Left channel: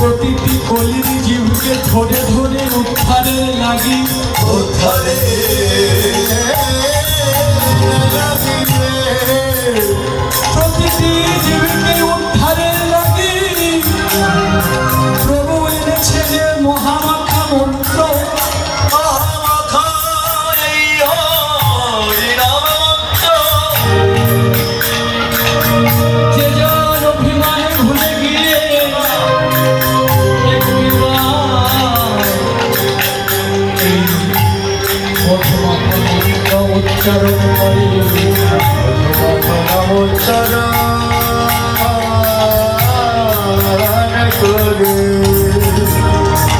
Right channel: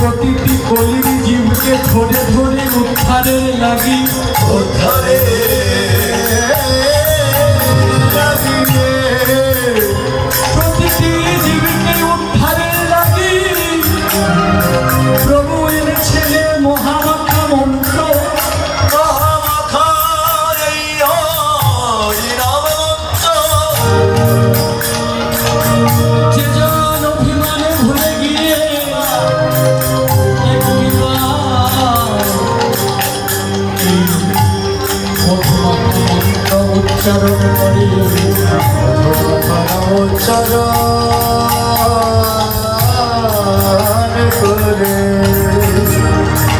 প্রতিটি কলির জীবকে ধরে ধরে উদ্ধারে লাগি উদ্ধারে প্রতিটি জীবকে উদ্ধারে লাগি প্রভু এনেছেন মহামাখা মন্ত্র উচ্চারণ করে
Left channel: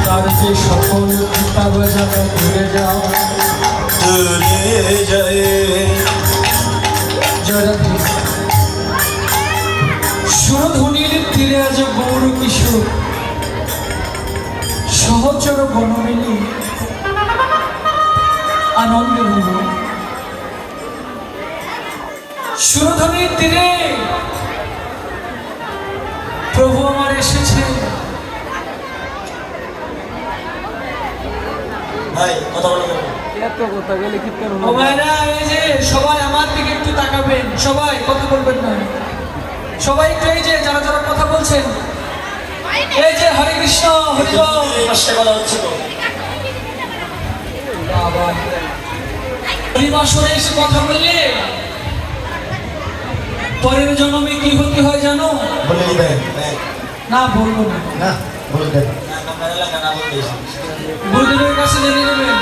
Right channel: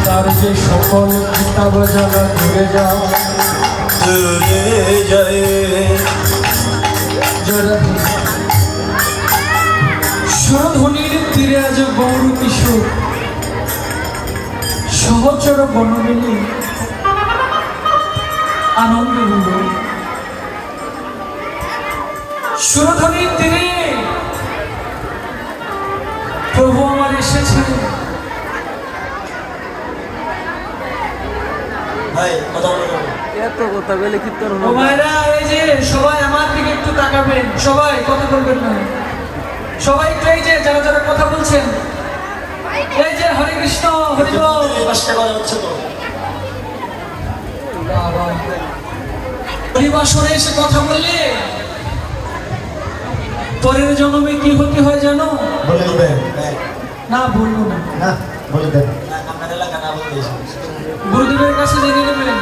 তার যে সকল কিতাব জানা ঘুরে যায় সুরধ্বনির তীরে আজ গৌর কিশোর সহচর বনমিলি আনন্দ হল সুরধ্বনির তীরে প্রভু আমার এসেছে সবাই আমার দিকে একটু তাকাবেন সবাই কথা বলবেন না সবাই একটু এই যে যারা যারা কথা বলছেন এই যে হরে কৃষ্ণ হরি হরিবাসরে এসে কথা বললে পরের জন্মে কি হতে হয় জানো না বলবো না গুরুদেবের কাছে জেনে নেবেন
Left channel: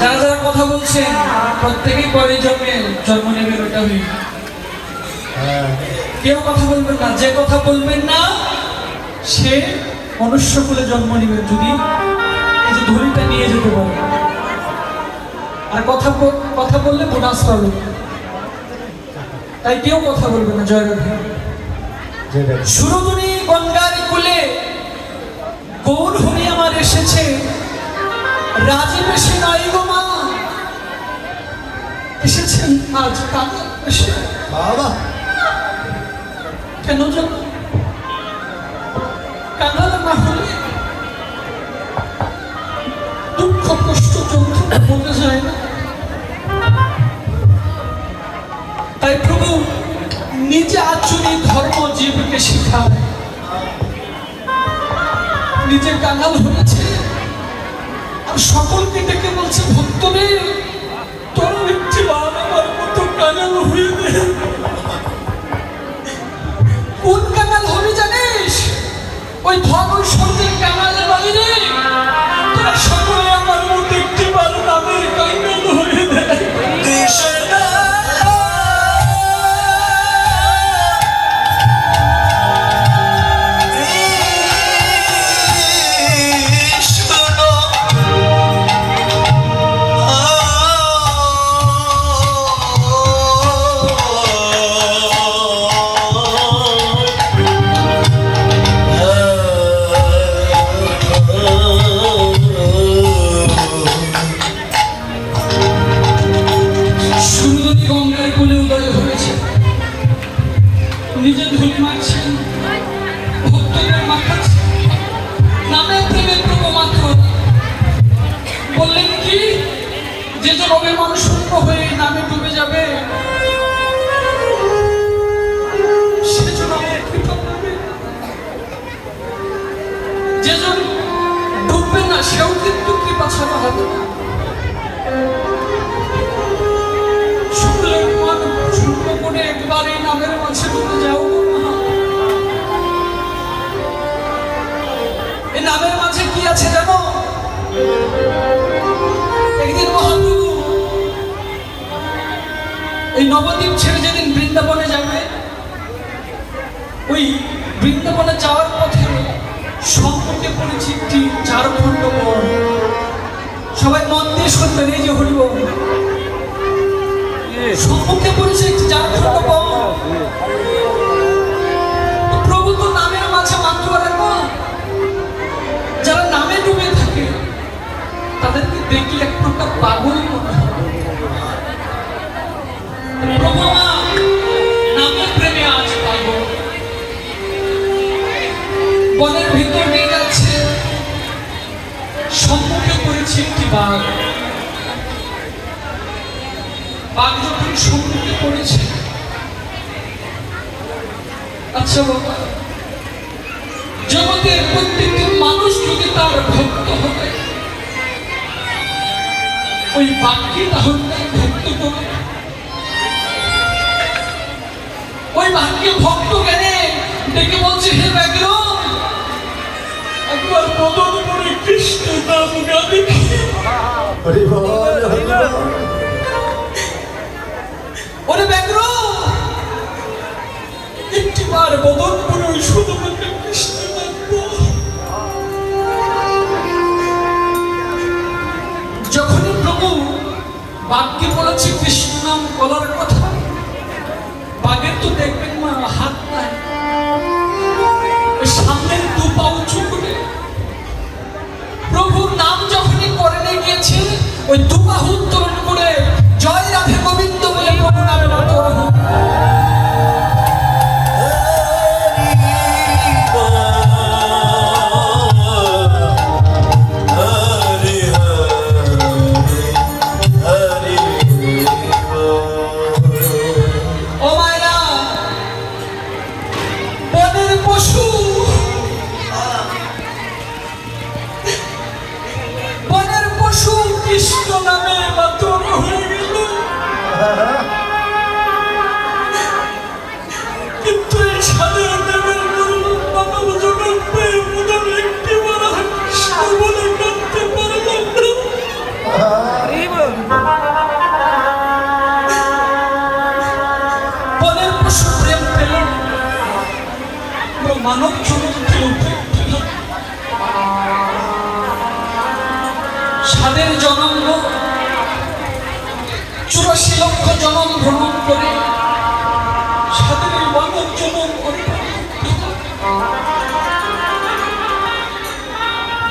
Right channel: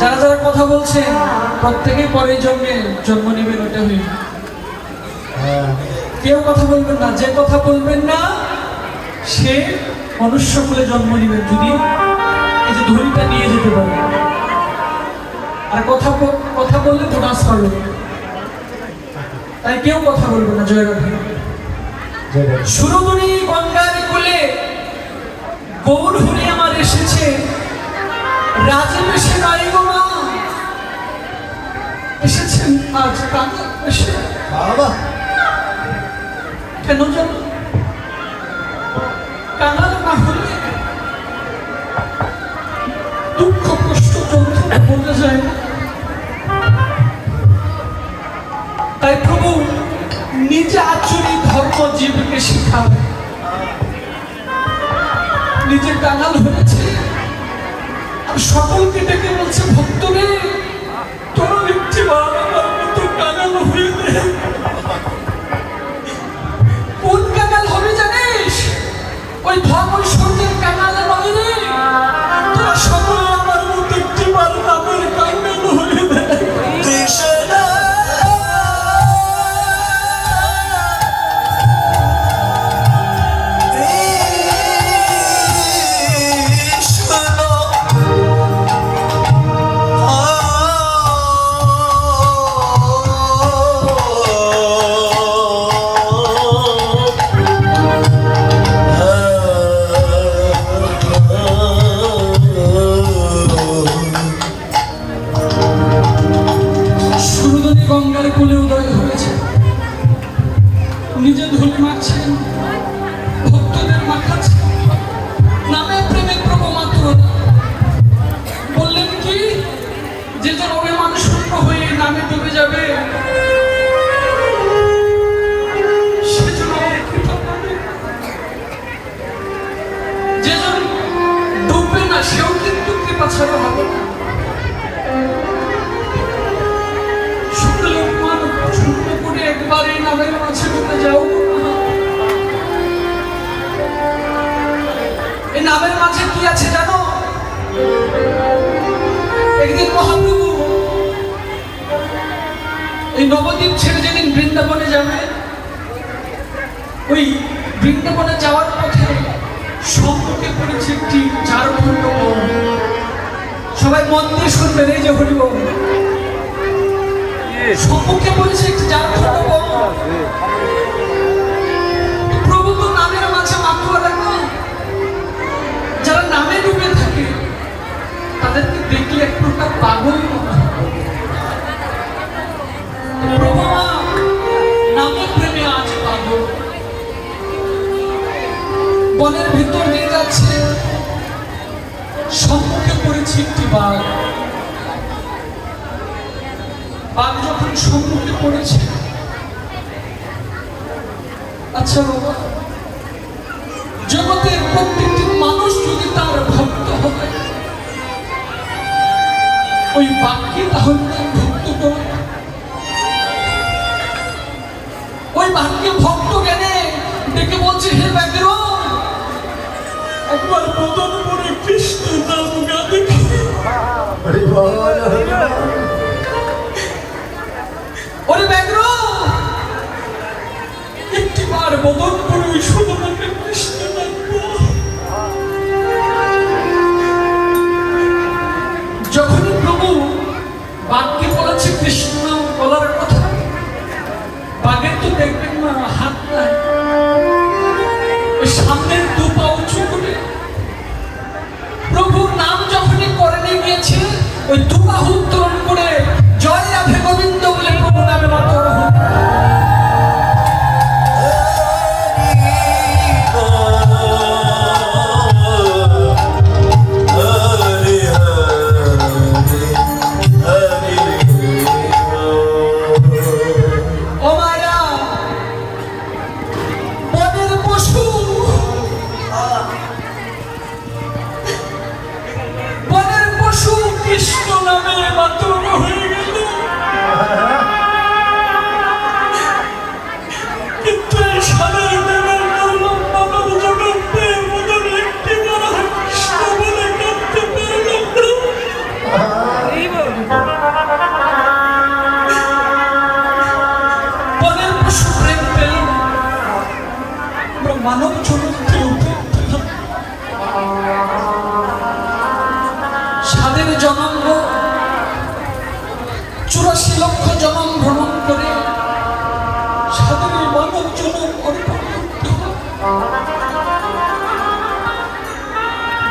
যারা যারা কথা বলছেন প্রত্যেকেই পরের জন্মে জন্ম নেবেন ওটা কেউ কথা বলবেন না যে কথা বলবেন না সে মনুষ্য কুলে জন্ম নেবেন যদি এই যে ধরিটা নিয়ে যেতে পারে আর কথা বললে বোনাস পাবে তাই কেউ কথা বলবে না জয় রাধে সুরধুনি গঙ্গার কুলে গৌর হরি আমার এসেছে রাজীব এসে দাঁড়িয়ে গো মা এসেছেন আজ কাঁদা এসে বাবা কেন জানো কাঁদানো না হলে দুঃখ কষ্ট যন্ত্রণা বলতে যায় না তাই প্রভু নিজে আচুরি ধর্ম জীবকে শিখায় নিজে কাঙাল হয়েছে আর সকলকে ডেকে বলছে ভক্তরে তোর একটি আমার মতো কাঙাল হয়ে দে কোন কাঙাল হবে জানিস ওই ধর্ম সন্ধ্যের কাঙাল বলি রে তোরা সকলে আমার মতো একটি নামের কাঙাল হয়ে দে যেজন ডুববে না সেও কিন্তু কৃপা ছাড়া হবে না। শুনলে শূন্য করে একবার এই নামের মাঝে বলে যাও। এই নামের মাঝে কি আছে জানো? একদিন মহাপ্রভু এই নবদ্বীপ ছেড়ে যেদিন বৃন্দাবনে যাবে, ওই বৃন্দাবনে যাওয়ার পথে সম্মুখে পড়েছে একটি ঝাড়খণ্ড বন। সবাই মন দিয়ে শুনবেন, এই যে হরিবল, সম্মুখে পড়েছে একটি ঝাড়খণ্ড বন। প্রভু তো নামের মাঝে মাত্র দেখো, যারা নামে ডুবে থাকে তাদেরকে দেখলে এক প্রকার পাগল মনে হয়। প্রভু নামের প্রেমে আজ পাগল। বনের ভিতর নিয়ে যাচ্ছে, সম্মুখে পড়েছে একটি বাঘ। বাঘ যখন সম্মুখে পড়েছে, আচ্ছা বাবা, জগতের প্রত্যেকটি মানুষ যদি তার ভক্ত হবে, ওই বাঘকে তাহলে তার ভক্ত করে। ওই বাঘকে ভক্ত জ্ঞানে ডেকে বলছে, হে ব্যাঘ্র, একবার বদন করে কৃষ্ণ নাম গা দেখি। ওরে ব্যাঘ্র, একটিবার বদন করে ওই সুদমাকে কৃষ্ণ নাম বল। যখনই প্রভু বাঘকে বলেছে কৃষ্ণ নাম বলার কথা, বাঘের তো দেখবেন না হাত নাই, সামনের দু পা উঁচু করে প্রভুর নাম যখনই করে নিয়ে গিয়েছে, ওই দু বাহু উত্তোলন করে জয় রাধে গোবিন্দ বলে প্রভু নামে মাতর হোক। কৃষ্ণ নামে মাতর হয়ে গেল, কিন্তু এই সাদের দেবের মানব জগৎ পেয়ে মতন একটি বড় কৃষ্ণ বলে কাঁদতে পারলাম না। বনের পশু প্রেম পেল, মানব জগৎ পেল সাদের জন্ম 84 লক্ষ জন্ম ভ্রমণ করে সাদের মানব জন্ম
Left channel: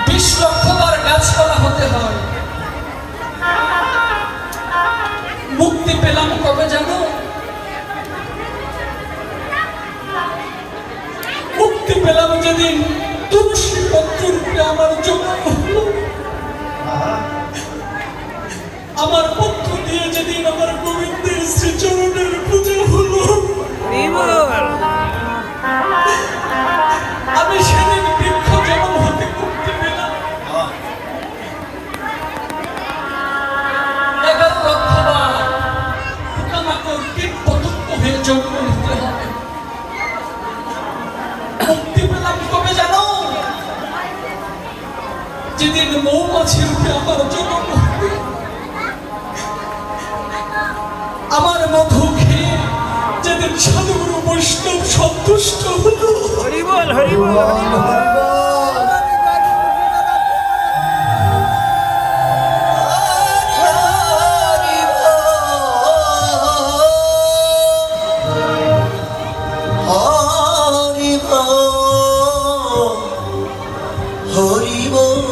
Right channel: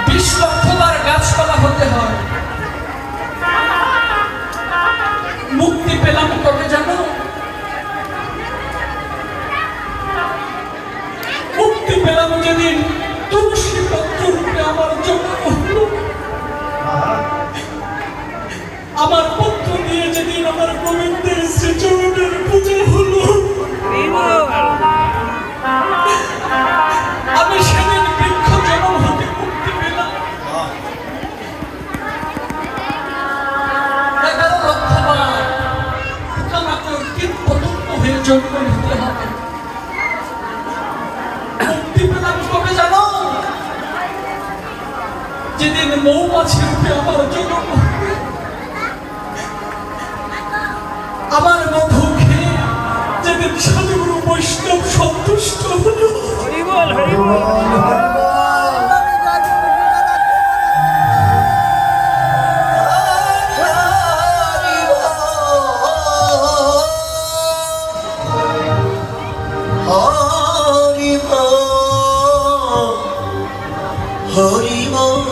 20 লক্ষবার গাছপালা হতে হয়। মুক্তি পেলাম কবে জানো? মুক্তি পেলাম যেদিন তুলসী পত্র রূপে আমার জন্ম হলো। আমার পত্র দিয়ে যেদিন আমার গোবিন্দের শ্রীচরণের পূজা হলো, আমি সেদিন বৃক্ষ জন্ম হতে মুক্তি পেলাম। 11 লক্ষবার পোকামাকড় কীট পতঙ্গ হয়ে জন্ম নিতে হয়। মুক্তি পেলাম কবে জানো? যেদিন মৌমাছি রূপে আমার জন্ম হবে। আমার মধু খেয়ে যেদিন সাধুগুরু বৈষ্ণব সন্তুষ্ট হলো। হরিবল হরিবল হরিবল